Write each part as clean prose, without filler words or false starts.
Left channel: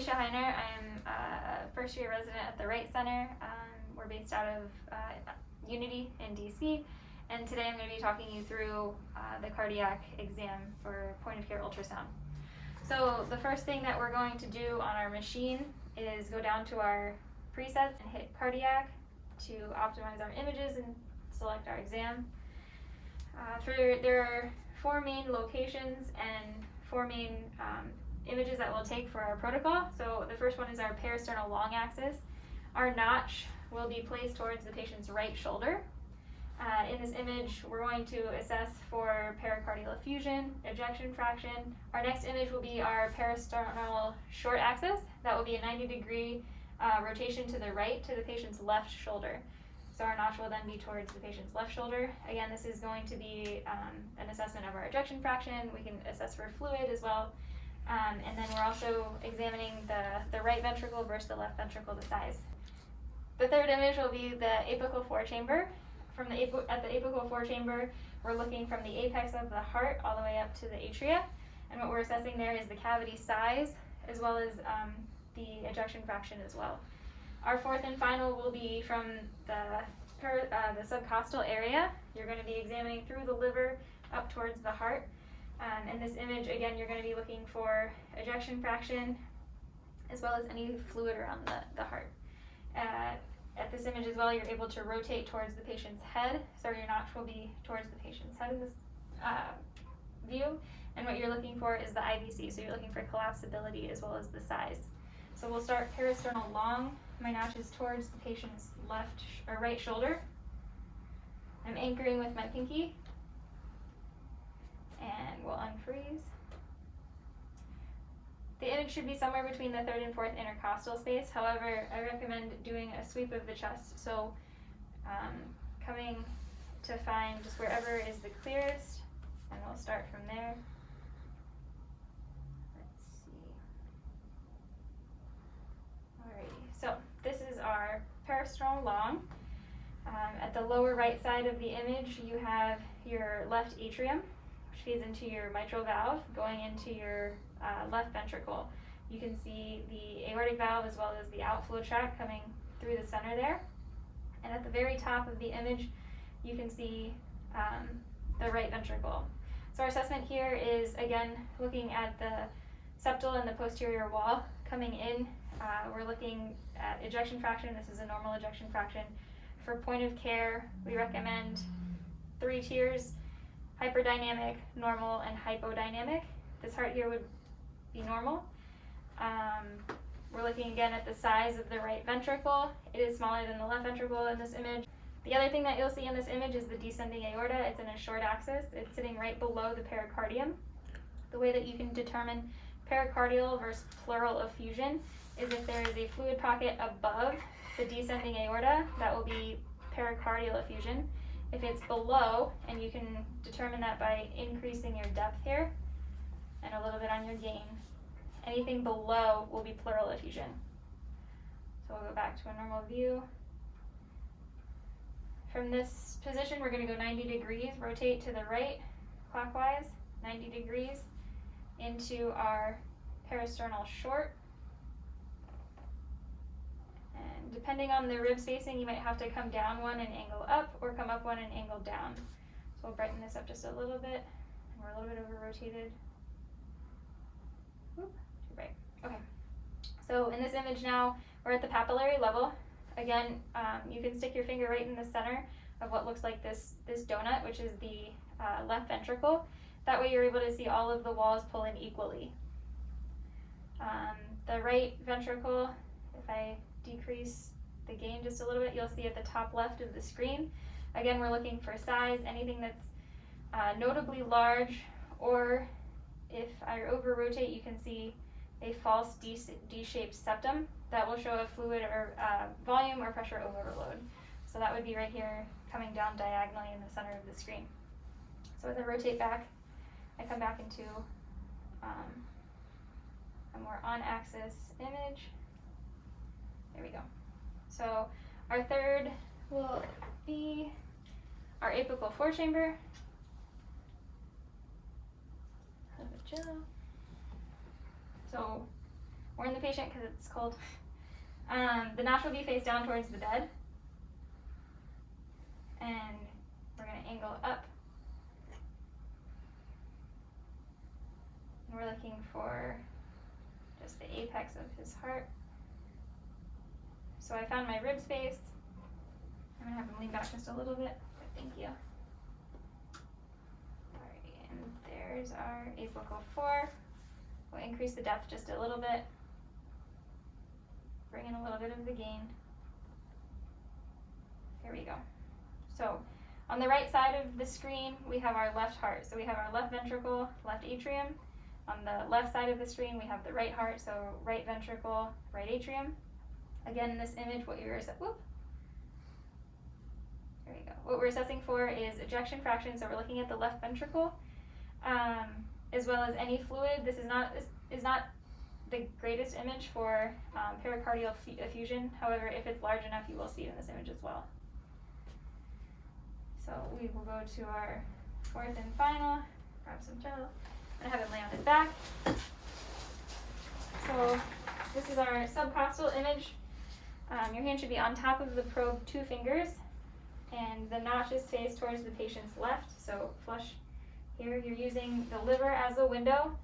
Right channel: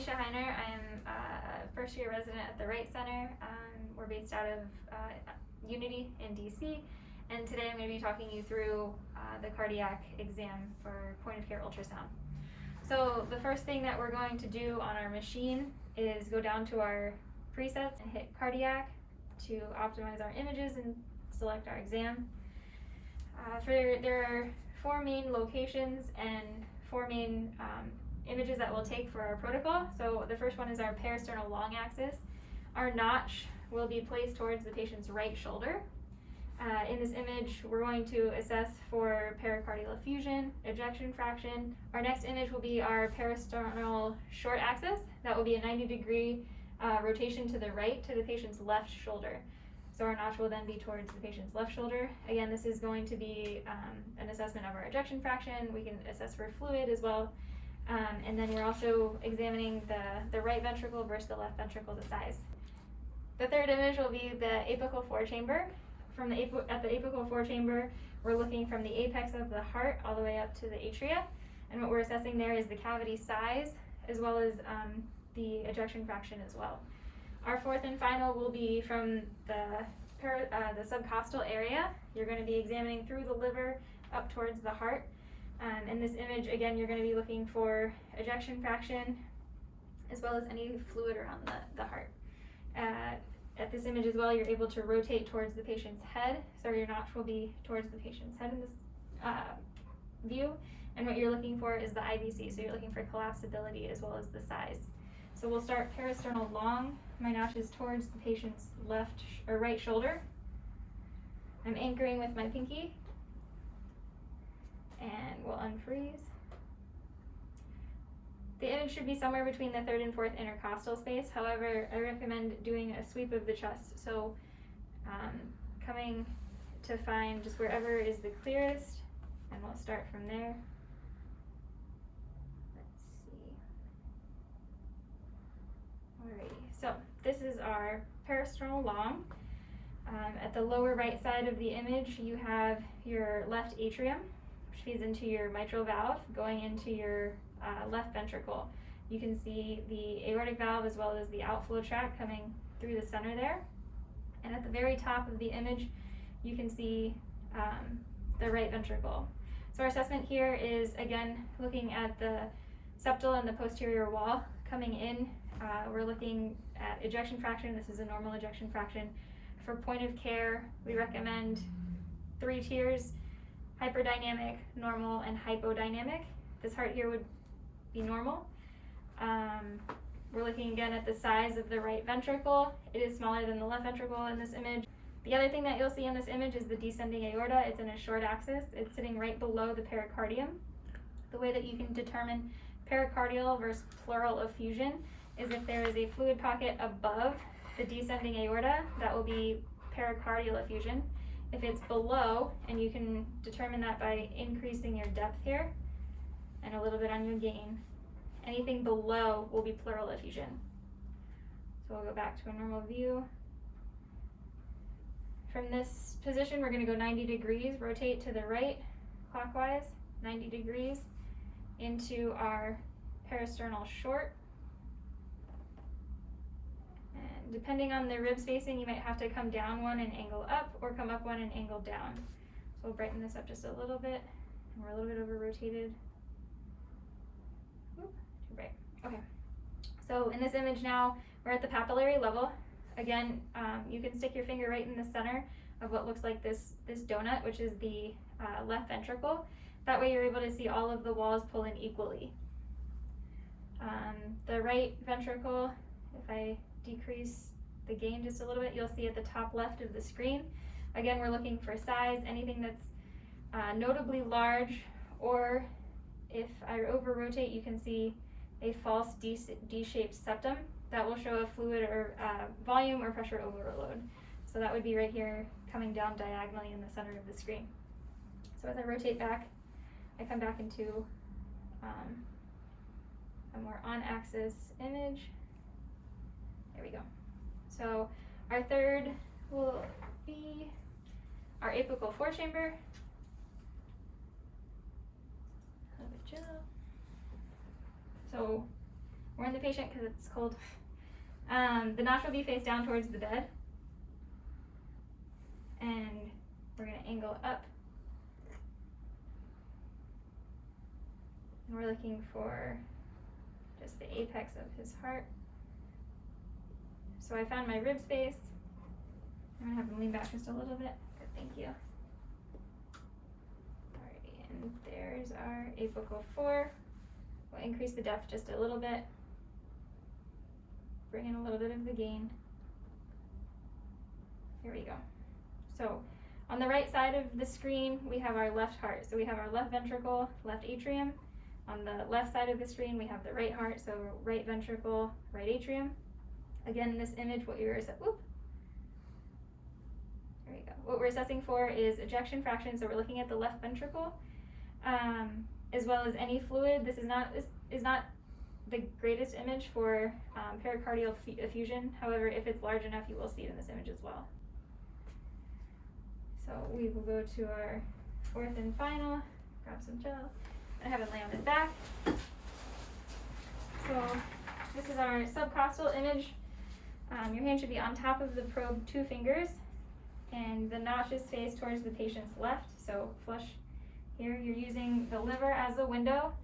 Alycia Heiner. I'm a first-year resident at the Wright Center. We're based out of Unity in DC, and today I'm going to be talking you through the cardiac exam for point-of-care ultrasound. So the first thing that we're going to do on our machine is go down to our presets and hit cardiac to optimize our images and select our exam. There are 4 main locations and 4 main images that we'll take for our protocol. So the first one is our parasternal long axis. Our notch will be placed towards the patient's right shoulder. In this image, we're going to assess for pericardial effusion, ejection fraction. Our next image will be our parasternal short axis. That will be a 90-degree rotation to the right to the patient's left shoulder. So our notch will then be towards the patient's left shoulder. Again, this is going to be an assessment of our ejection fraction. We can assess for fluid as well. And then we're also examining the right ventricle versus the left ventricle, the size. The third image will be the apical forechamber. At the apical forechamber, we're looking from the apex of the heart all the way up to the atria. And what we're assessing there is the cavity size as well as the ejection fraction as well. Our fourth and final will be from the subcostal area. You're going to be examining through the liver up towards the heart. In this image, again, you're going to be looking for ejection fraction as well as any fluid around the heart. At this image as well, you're able to rotate towards the patient's head, so your notch will be towards the patient's head in this view. And what you're looking for is the IVC, so you're looking for collapsibility as well as the size. So we'll start parasternal long. My notch is towards the patient's left or right shoulder. I'm anchoring with my pinky, and we'll unfreeze. The image should be somewhere between the 3rd and 4th intercostal space. However, I recommend doing a sweep of the chest. So coming to find just wherever is the clearest, and we'll start from there. Let's see. Alrighty, so this is our parasternal long. At the lower right side of the image, you have your left atrium, which feeds into your mitral valve, going into your left ventricle. You can see the aortic valve as well as the outflow tract coming through the center there. And at the very top of the image, you can see the right ventricle. So our assessment here is, again, looking at the septal and the posterior wall coming in. We're looking at ejection fraction. This is a normal ejection fraction. For point of care, we recommend 3 tiers: hyperdynamic, normal, and hypodynamic. This heart here would be normal. We're looking again at the size of the right ventricle. It is smaller than the left ventricle in this image. The other thing that you'll see in this image is the descending aorta. It's in a short axis. It's sitting right below the pericardium. The way that you can determine pericardial versus pleural effusion is if there is a fluid pocket above the descending aorta, that will be pericardial effusion. If it's below, and you can determine that by increasing your depth here and a little bit on your gain, anything below will be pleural effusion. So we'll go back to a normal view. From this position, we're going to go 90 degrees, rotate to the right clockwise, 90 degrees into our parasternal short. And depending on the rib spacing, you might have to come down one and angle up, or come up one and angle down. So we'll brighten this up just a little bit. And we're a little bit over rotated. Too bright. Okay. So in this image now, we're at the papillary level. Again, you can stick your finger right in the center of what looks like this donut, which is the left ventricle. That way you're able to see all of the walls pull in equally. The right ventricle, if I decrease the gain just a little bit, you'll see at the top left of the screen. Again, we're looking for size, anything that's notably large, or if I over rotate, you can see a false D-shaped septum. That will show a fluid or volume or pressure overload. So that would be right here coming down diagonally in the center of the screen. So as I rotate back, I come back into a more on-axis image. There we go. So our third will be our apical forechamber. So warn the patient because it's cold. The notch will be face down towards the bed. And we're going to angle up. We're looking for just the apex of his heart. So I found my rib space. I'm going to have him lean back just a little bit. Good, thank you. Alrighty, and there's our apical 4. We'll increase the depth just a little bit. Bring in a little bit of the gain. Here we go. So on the right side of the screen, we have our left heart. So we have our left ventricle, left atrium. On the left side of the screen, we have the right heart, so right ventricle, right atrium. Again, in this image, what we're assessing for is ejection fraction. So we're looking at the left ventricle, as well as any fluid. This is not the greatest image for pericardial effusion. However, if it's large enough, you will see it in this image as well. So we will go to our fourth and final. Grab some gel and have it lay on his back. So this is our subcostal image. Your hand should be on top of the probe, 2 fingers, and the notch is faced towards the patient's left. So flush here. You're using the liver as a window.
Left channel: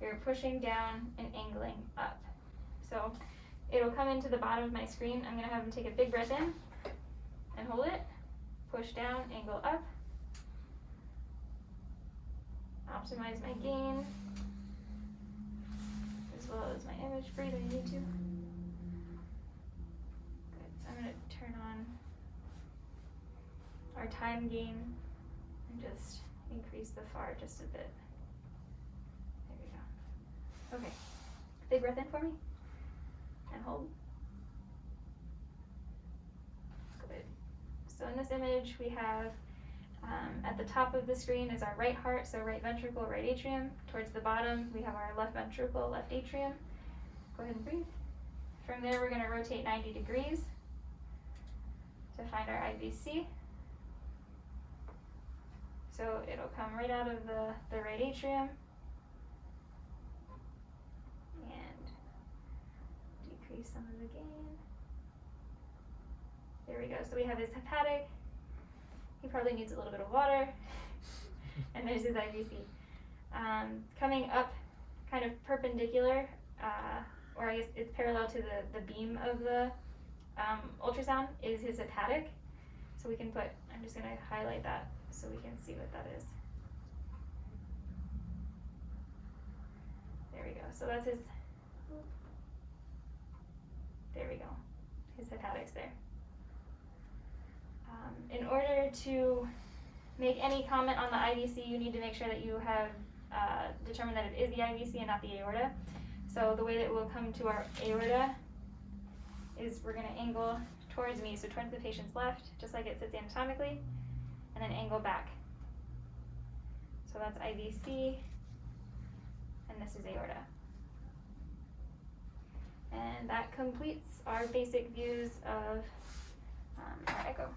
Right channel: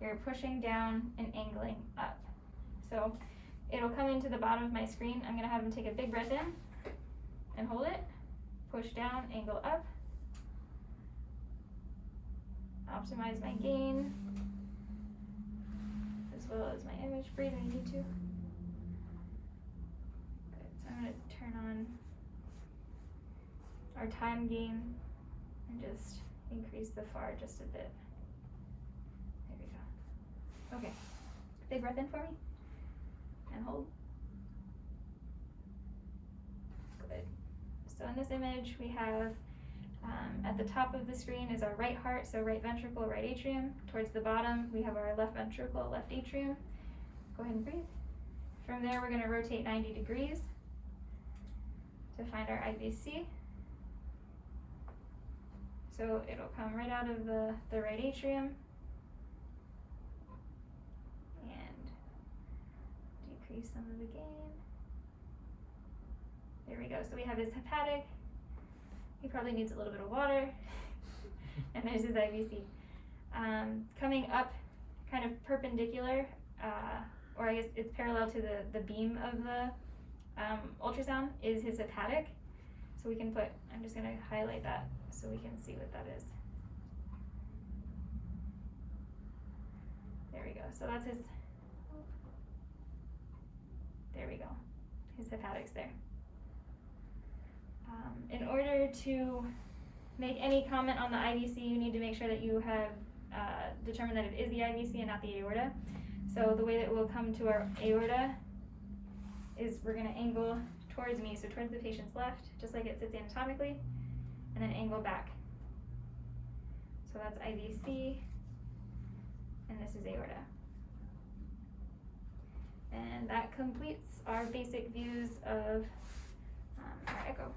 You're pushing down and angling up. So it'll come into the bottom of my screen. I'm going to have him take a big breath in and hold it. Push down, angle up. Optimize my gain, as well as my image. Breathe if you need to. Good. So I'm going to turn on our time gain and just increase the FAR just a bit. There we go. Okay. Big breath in for me. And hold. Good. So in this image, we have at the top of the screen is our right heart, so right ventricle, right atrium. Towards the bottom, we have our left ventricle, left atrium. Go ahead and breathe. From there, we're going to rotate 90 degrees to find our IVC. So it'll come right out of the right atrium and decrease some of the gain. There we go. So we have his hepatic. He probably needs a little bit of water. And there's his IVC. Coming up kind of perpendicular, or I guess it's parallel to the beam of the ultrasound, is his hepatic. So we can put, I'm just going to highlight that so we can see what that is. There we go. So that's his, there we go. His hepatic's there. In order to make any comment on the IVC, you need to make sure that you have determined that it is the IVC and not the aorta. So the way that we'll come to our aorta is we're going to angle towards me, so towards the patient's left, just like it sits anatomically, and then angle back. So that's IVC, and this is aorta. And that completes our basic views of our echo.